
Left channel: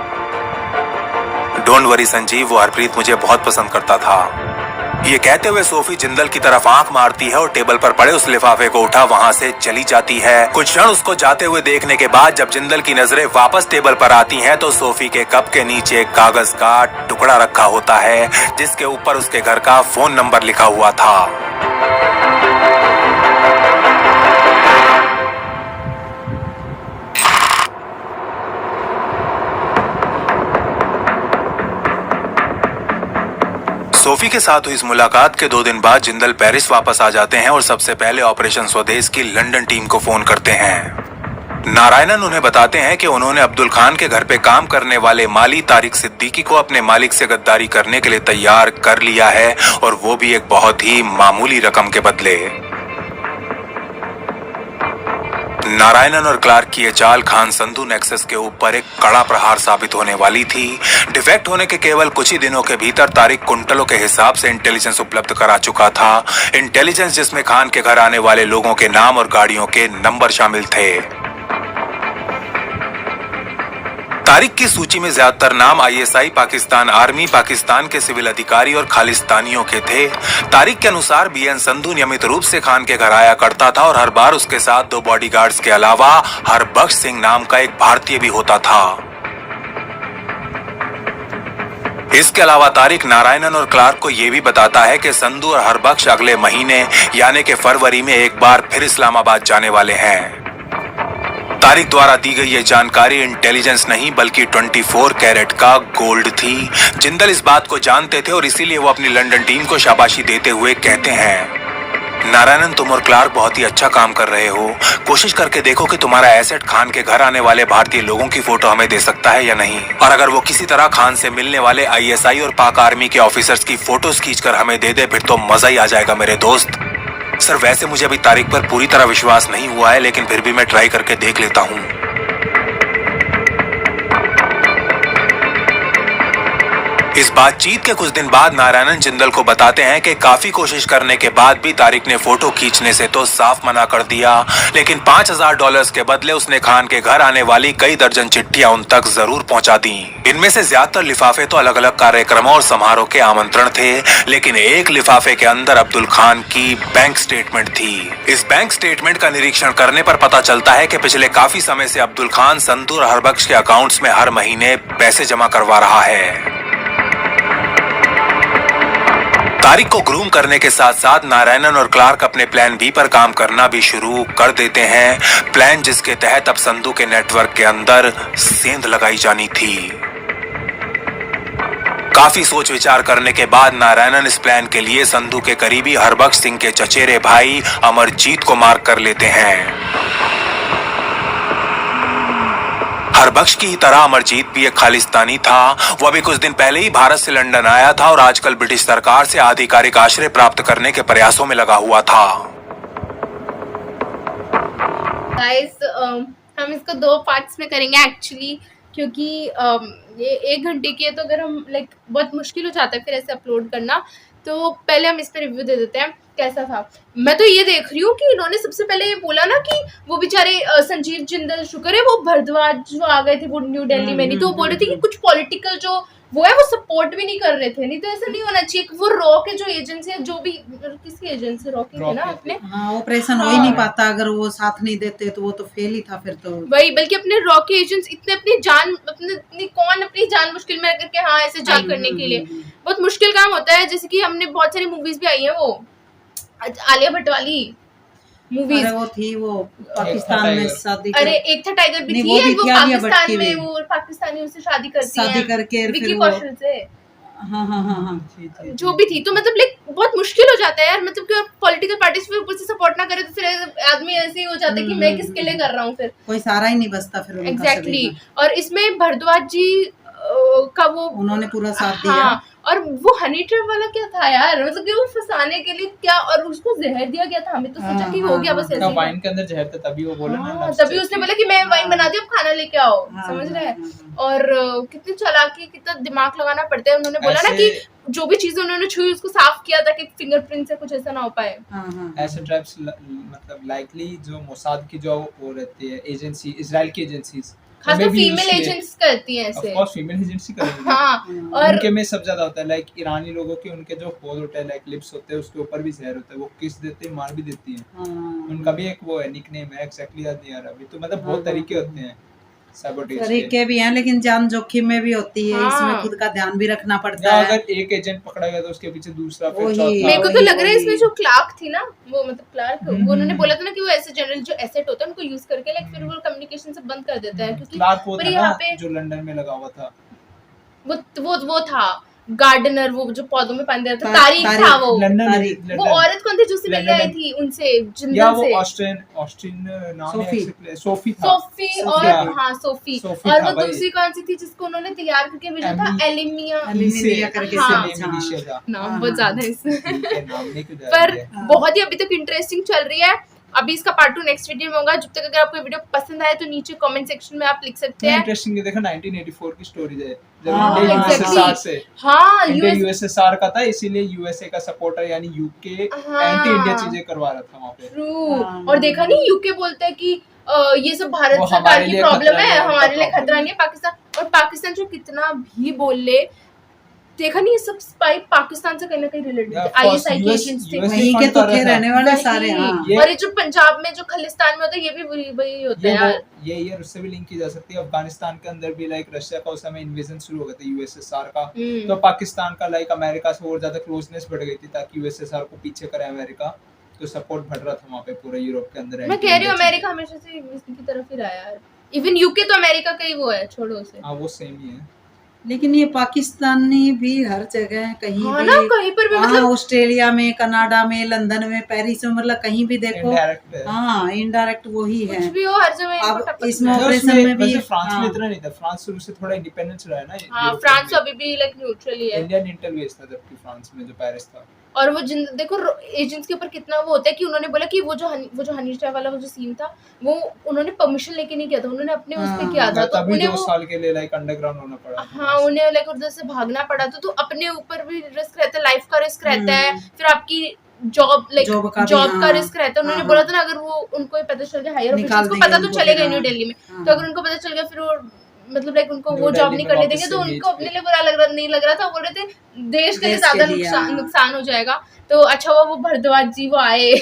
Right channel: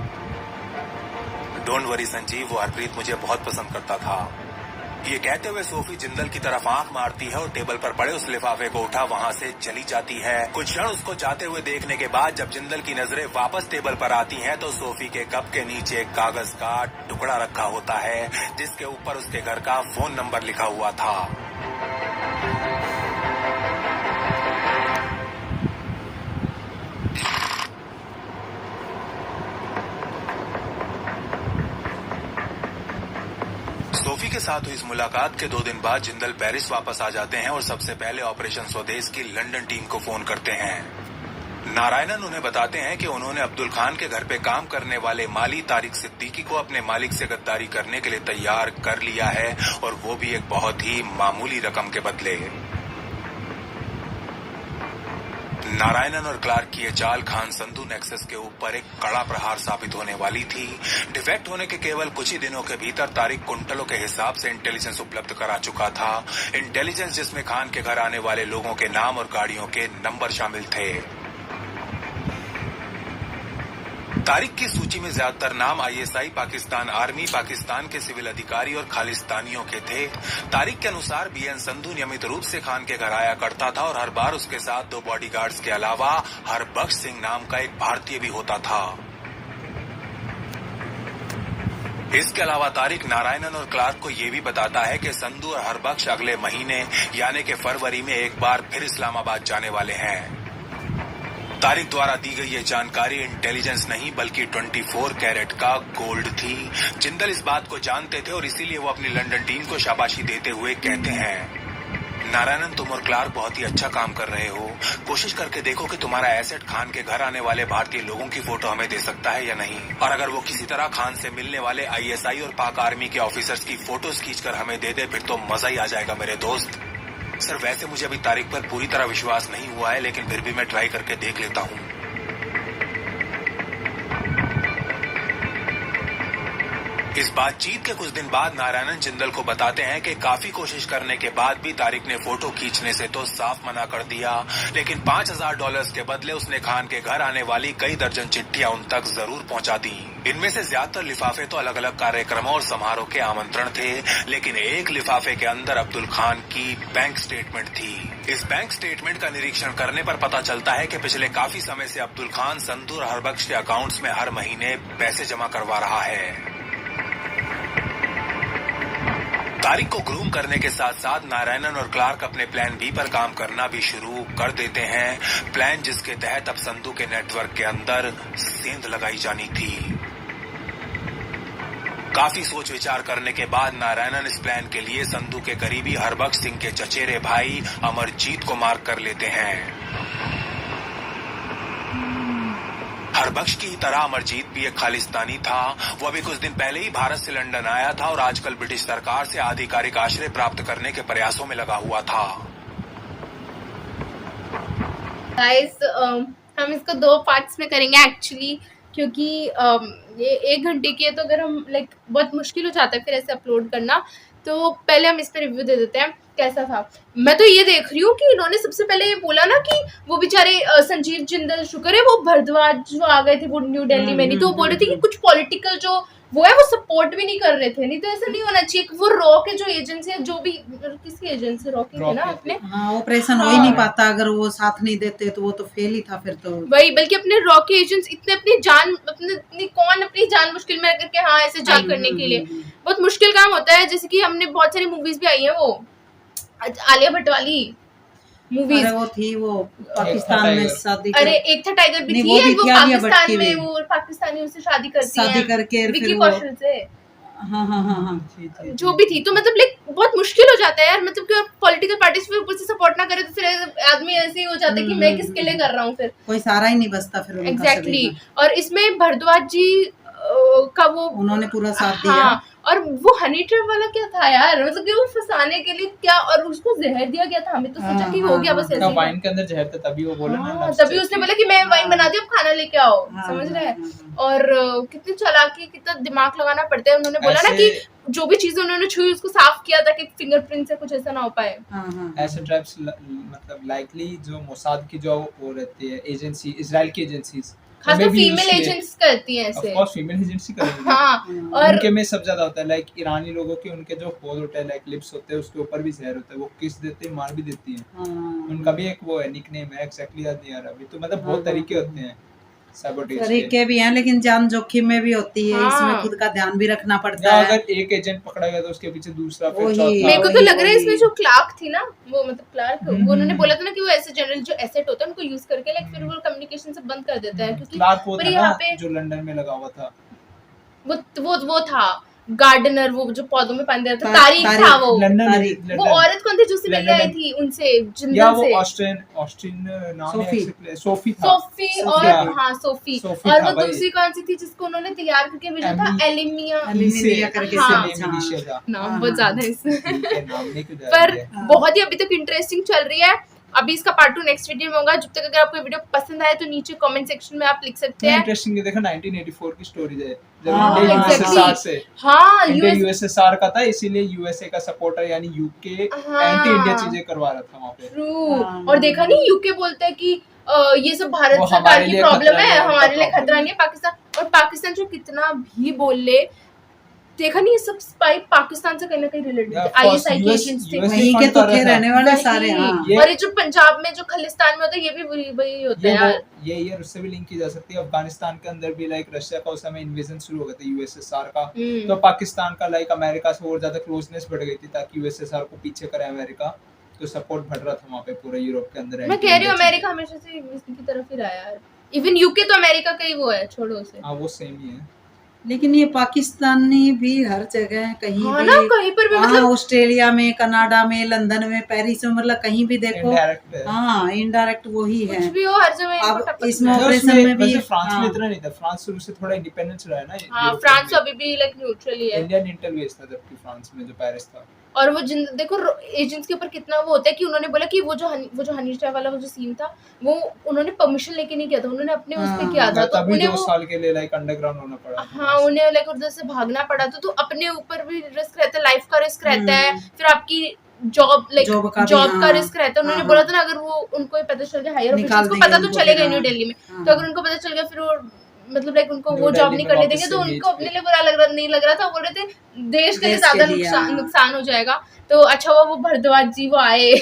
डोंट वरी संजीव, वो हरप्रीत मुझे बहुत पसंद करता था। ये कहते हुए सोफी जिंदल की तरफ आंख मारती है और टेबल पर पड़े उस लिफाफे को उठा वहां से चली जाती है। कुछ क्षण उसको जाते हुए देखने के बाद जब जिंदल की नजरें वापस टेबल पर आती हैं तो सोफी के कप के नीचे एक कागज का टुकड़ा रखा होता है, जिसके ऊपर उसके घर का फोन नंबर लिखा हुआ था। सोफी के साथ हुई इस मुलाकात के 2 दिन बाद जिंदल पेरिस वापस आ जाते हैं और सबसे पहले ऑपरेशन स्वदेश की लंदन टीम को फोन करते हैं। नारायणन उन्हें बताते हैं कि उन्होंने अब्दुल खान के घर पे काम करने वाले माली तारिक सिद्दीकी को अपने मालिक से गद्दारी करने के लिए तैयार कर लिया है, और वो भी एक बहुत ही मामूली रकम के बदले। नारायणन और क्लार्क की ये चाल खान संधू नेक्सस के ऊपर एक कड़ा प्रहार साबित होने वाली थी। डिफेक्ट होने के केवल कुछ ही दिनों के भीतर तारिक कुंटलों के हिसाब से इंटेलिजेंस उपलब्ध करा चुका था। इंटेलिजेंस जिसमें खान के घर आने वाले लोगों के नाम और गाड़ियों के नंबर शामिल थे। तारिक की सूची में ज्यादातर नाम आईएसआई, पाकिस्तान आर्मी, पाकिस्तान के सिविल अधिकारी और खालिस्तानियों के थे। तारिक के अनुसार बीएन संधू नियमित रूप से खान के घर आया करता था और हर बार उसके साथ 2 बॉडीगार्ड्स के अलावा हरबख्श सिंह नाम का एक भारतीय भी होता था। इसके अलावा तारिक नारायणन और क्लार्क को यह भी बताता है कि संधू और हरबख्श अगले महीने यानी कि फरवरी में एक बार फिर इस्लामाबाद जाने वाले हैं। तारिक द्वारा दी गई ये जानकारी इंटेलिजेंस नहीं बल्कि 24 कैरेट का गोल्ड थी। जिंदल इस बात को जानते थे और इसीलिए वो अपनी लंदन टीम को शाबाशी देते हुए कहते हैं, नारायणन, तुम और क्लार्क बहुत ही अच्छा काम कर रहे हो। कोशिश करके देखो कि तुम्हारा एसेट खान के घर आने वाले भारतीय लोगों की फोटो हमें दे सकता है या नहीं। और अगर वो किसी तरह खान से मिलने वाले ISI और पाक आर्मी के ऑफिसर्स की फोटोज खींचकर हमें दे दे, फिर तो मजा ही आ जाएगा मेरे दोस्त। सर, वैसे मुझे अभी तारिक पर पूरी तरह विश्वास नहीं हुआ है, लेकिन फिर भी मैं ट्राई करके देख लेता हूँ। इस बातचीत के कुछ दिन बाद नारायणन जिंदल को बताते हैं कि काफी कोशिश करने के बाद भी तारिक ने फोटो खींचने से तो साफ मना कर दिया, लेकिन $5000 के बदले उसने खान के घर आने वाली कई दर्जन चिट्ठियां उन तक जरूर पहुंचा दी। इनमें से ज्यादातर लिफाफे तो अलग अलग कार्यक्रमों और समारोह के आमंत्रण थे, लेकिन एक लिफाफे के अंदर अब्दुल खान की बैंक स्टेटमेंट थी। इस बैंक स्टेटमेंट का निरीक्षण करने पर पता चलता है कि पिछले काफी समय से अब्दुल खान संधू और हरबख्श के अकाउंट्स में हर महीने पैसे जमा करवा रहा है। तारिक को ग्रूम करने के साथ साथ नारायणन और क्लार्क अपने प्लान बी पर काम करना भी शुरू कर देते हैं। प्लान जिसके तहत अब संधू के नेटवर्क के अंदर सेंध लगाई जानी थी। काफी सोच विचार करने के बाद नारायणन इस प्लान के लिए संधू के करीबी हरबख्श सिंह के चचेरे भाई अमरजीत को मार्क कर लेते हैं। हरबख्श की तरह अमरजीत भी एक खालिस्तानी था। वो अभी कुछ दिन पहले ही भारत से लंदन आया था और आजकल ब्रिटिश सरकार से आधिकारिक आश्रय प्राप्त करने के प्रयासों में लगा हुआ था। गाइस, हम इसको 2 पार्ट्स में करेंगे एक्चुअली, क्योंकि ये 1 घंटे की है, तो अगर हम बहुत मुश्किल हो जाता है फिर ऐसे अपलोड करना। तो पहले हम इस पर रिव्यू दे देते हैं कैसा था। मैं तो ये देख रही हूँ कि इन्होंने सबसे पहले ये बोला ना कि वो बेचारे संजीव जिंदल, शुक्र है वो भरद्वाज जो आ गए थे वो न्यू दिल्ली में, नहीं तो वो बोल रहे थे कि कुछ पॉलिटिकल जो वो है वो सपोर्ट भी नहीं कर रहे थे। नहीं तो ऐसा नहीं होना चाहिए। वो रॉ के जो एजेंसी है, जो भी किसकी एजेंसी, रॉ की थे ना अपने, हाँ, ऑपरेशन हो ही नहीं पाता अगर वो साथ नहीं देते, तो वो तो फेल ही था फिर तो। वही, बल्कि अपने रॉ के एजेंट्स इतने अपनी जान मुश्किल में करके, हाँ, ऐसे जान करने के लिए बहुत मुश्किल काम होता है। जैसे कि हमने बहुत सारी मूवीज भी आई है, वो आलिया भट्ट वाली मूवीज, अरे वो थी वो पाकिस्तान में शादी अरे एक था टाइगर भी नहीं, थी, वो भी वो थी आलिया भट्ट पाकिस्तान की में भी। वो पाकिस्तानी उससे शादी करती शादी हैं करके विक्की फिर वो कौशल से, हाँ हाँ हाँ हाँ जो भी थी। तो मतलब बहुत मुश्किल हो जाता है यार, मतलब कि पॉलिटिकल पार्टीज फिर ऊपर से सपोर्ट ना करे तो फिर आदमी ऐसे ही हो जाता है कि मैं किसके लिए कर रहा हूँ, फिर कोई सहारा ही नहीं बचता फिर उनका एग्जैक्टली। सभी का। और इसमें भरद्वाज जी का वो उन्होंने पूरा साथ दिया। हाँ, और वो हनी ट्रैप वाला क्या था यार, मतलब कि वो फंसाने के लिए क्या, और उसको जहर दिया गया था। हमें तो सोचा कि हो गया बस ऐसे ही। वाइन के अंदर जहर था, तभी वो बोला ना, हाँ, तभी उसने बोला कि मैं वाइन बना दी, अब खाना लेके आओ, समझ रहे हैं। और कितनी चालाकी, कितना दिमाग लगाना पड़ता है। उन्होंने बोला ना कि जो भी चीजें उन्होंने छुई उसको साफ किया ताकि फिंगरप्रिंट से कुछ ऐसा ना हो पाए। ऐसे ट्रैप्स मतलब लाइकली जो मोसाद की जो वो रहती है एजेंसी, इजराइल की एजेंसीज, खासकर फीमेल एजेंट्स करती हैं ऐसे। ऑफ कोर्स फीमेल एजेंसी करेंगी। हाँ, और उनके में सब ज्यादा होता है। लाइक ईरानी लोगों के उनके जो होल होता है, लाइक लिप्स होते हैं, उसके ऊपर भी जहर होता है, वो किस देते हैं, मार भी देती है। उनका भी एक वो है, निकनेम है, एग्जैक्टली याद नहीं आ रहा अभी। तो मतलब बहुत तरीके होते हैं सबोटेज तरीके भी हैं, लेकिन जान जोखिम में भी होती है। हाँ। इसमें खुद का ध्यान भी रखना पड़ता या है। अगर एक एजेंट पकड़ा गया तो उसके पीछे दूसरा, फिर वही। चौथा। मेरे को तो वही, लग रहा है वही। इसमें जो क्लार्क थी ना, वो मतलब क्लार्क, वो उन्होंने बोला था ना कि वो ऐसे जनरल जो एसेट होता है उनको यूज करके लाइक फिर वो कम्युनिकेशन से बंद कर देता है, क्योंकि क्लार्क वो पर था यहाँ ना पे जो लंदन में लगा हुआ था। वो था गार्डनर, वो जो पौधों में पानी देता था, तारिक था वो। लंदन वो औरत कौन थी जो उससे मिलने आई लंदन। थी उनसे, या जिंदल वो से? ऑस्ट्रियन नाम है, सोफी। सोफी था। सोफी, और सोफी। हाँ सोफी, सोफी और था वो भाई। दूसरी कौन सी थी जिसको उन्होंने तैयार करके भेजा था? एलिमिया एलिमिया करके हाँ। सब, हाँ। नाम बहुत ज्यादा है इसमें। इनके नाम नहीं कुछ पर है। बहुत ही अभी तक इंटरेस्टिंग चल रही है। अभी इसका पार्ट 2 नेक्स्ट वीडियो में होगा। जब तक अगर आपको ये वीडियो पसंद आए तो नीचे कमेंट सेक्शन में आप लिख सकते हैं। इंटरेस्टिंग है, देखो 1984 की स्टोरी है, जब हाँ, इंडिया exactly। यूएसएसआर से, हाँ, इंडिया यूएस यूएसएसआर का था, इसीलिए यूएसए का सपोर्टर यानी यूके हाँ। एंटी इंडिया चीजें करवा रहा था वहाँ पे। ट्रू। हाँ। और देखा नहीं, यूके बोलता है कि ये सब भारत वो सरकार हमारे की लिए प्रॉब्लम खतरा है, नहीं है, हमारे लिए उनका खतरा नहीं है पाकिस्तान। और पाकिस्तान जो कितना भी बोल ले, देखा नहीं, ये सब स्पाई पाकिस्तान से कहीं ना कहीं रिलेटेड Yeah, थे, of course, आईएसआई के US एजेंट्स थे। US वहीं के तो थे रहने वाले सारे। हाँ। वही। और ये जो पंजाब में जो खलिस्तान में होता है, ये भी वही होता है यार। ये ईयर उससे भी लिंक की जा सकती है। अफगानिस्तान के अंदर भी लाइक रशिया का उस समय इन्वेजन शुरू हो गया था यूएसएसआर का, तो पाकिस्तान का लाइक अमेरिका से और ज्यादा क्लोजनेस बढ़ गई थी ताकि यूएसएसआर को पीछे करे अमेरिका। तो सपोर्ट बढ़ रहा था वहाँ पे पूरे यूरोप के अंदर। मैं कह रही हूँ अमेरिका हमेशा से इसकी तरफ ही रहा है यार। इवन यूके तो अमेरिका का ही वो है, छोड़ो उसे। हाँ वो सेम ही है। लेकिन ये पाकिस्तानी भी हर जगह कहीं हाँ भी, ना, कहीं पर भी हाँ, मतलब ऑस्ट्रेलिया में, कनाडा में, लंदन में, पेरिस में, मतलब कहीं भी देखो इनडायरेक्ट है। हाँ इनडायरेक्ट वही कुछ है। भी हो हर जगह इनको अब टक्कर इसमें देना है। ऑपरेशन में भी, वैसे फ्रांस में हाँ। इतना नहीं था, फ्रांस शुरू से थोड़ा इंडिपेंडेंस रहा है ना। हाँ यूरोप फ्रांस में। अभी भी लाइक न्यूट्रल ही है। इंडियन इंटरव्यूज था जबकि फ्रांस में जो पेरिस था। और वो देखो एजेंट्स के ऊपर कितना वो होता है कि उन्होंने बोला कि वो जो हनी ट्रैप वाला वो जो सीन था वो उन्होंने परमिशन लेके नहीं किया था, उन्होंने अपने उस पे किया था, तो तभी उन्हें 2 वो साल के लिए लाइक अंडरग्राउंड होना पड़ा। हाँ उन्हें लाइक उधर से भागना पड़ा था, तो अपने ऊपर भी रिस्क रहता है, लाइफ का रिस्क रहता है, फिर आपकी जॉब लाइक जॉब का भी, जॉब का हाँ, रिस्क रहता है। उन्होंने हाँ, बोला था ना अगर वो उनको ये पता चल गया हायर निकाल ऑफिसर्स को देंगे पता तो उनको चलेगा फिर, न्यू हाँ, दिल्ली में, हाँ। तो अगर उनको पता चल गया फिर वो मतलब लाइक उनको न्यू वो जॉब दिल्ली नहीं में करने वापस देंगे, तो से उनको बीच अपने पे। लिए बुरा नहीं लग रहा था, बोल रहे थे देश के लिए देश के ज्यादा लिए, हाँ। नुकसान हो जाएगा। तो अच्छा हुआ वो भरद्वाज जी वो आए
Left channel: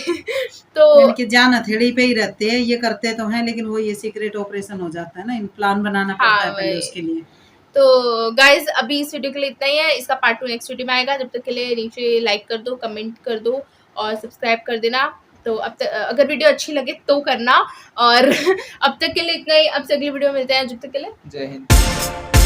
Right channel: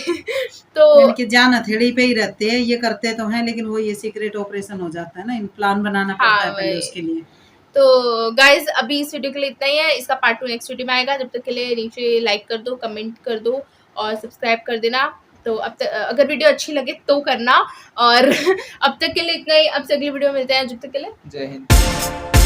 तो इनके जान हथेली पे ही रहते हैं, ये करते तो हैं, लेकिन वो ये सीक्रेट ऑपरेशन हो जाता है ना, इन प्लान बनाना पड़ता हाँ है पहले वही। उसके लिए। तो गाइज अभी इस वीडियो के लिए इतना ही है, इसका पार्ट 2 नेक्स्ट वीडियो में आएगा। जब तक के लिए नीचे लाइक कर दो, कमेंट कर दो और सब्सक्राइब कर देना। तो अब तक अगर वीडियो अच्छी लगे तो करना, और अब तक के लिए इतना ही। अब से अगली वीडियो में मिलते हैं, जब तक के लिए जय हिंद।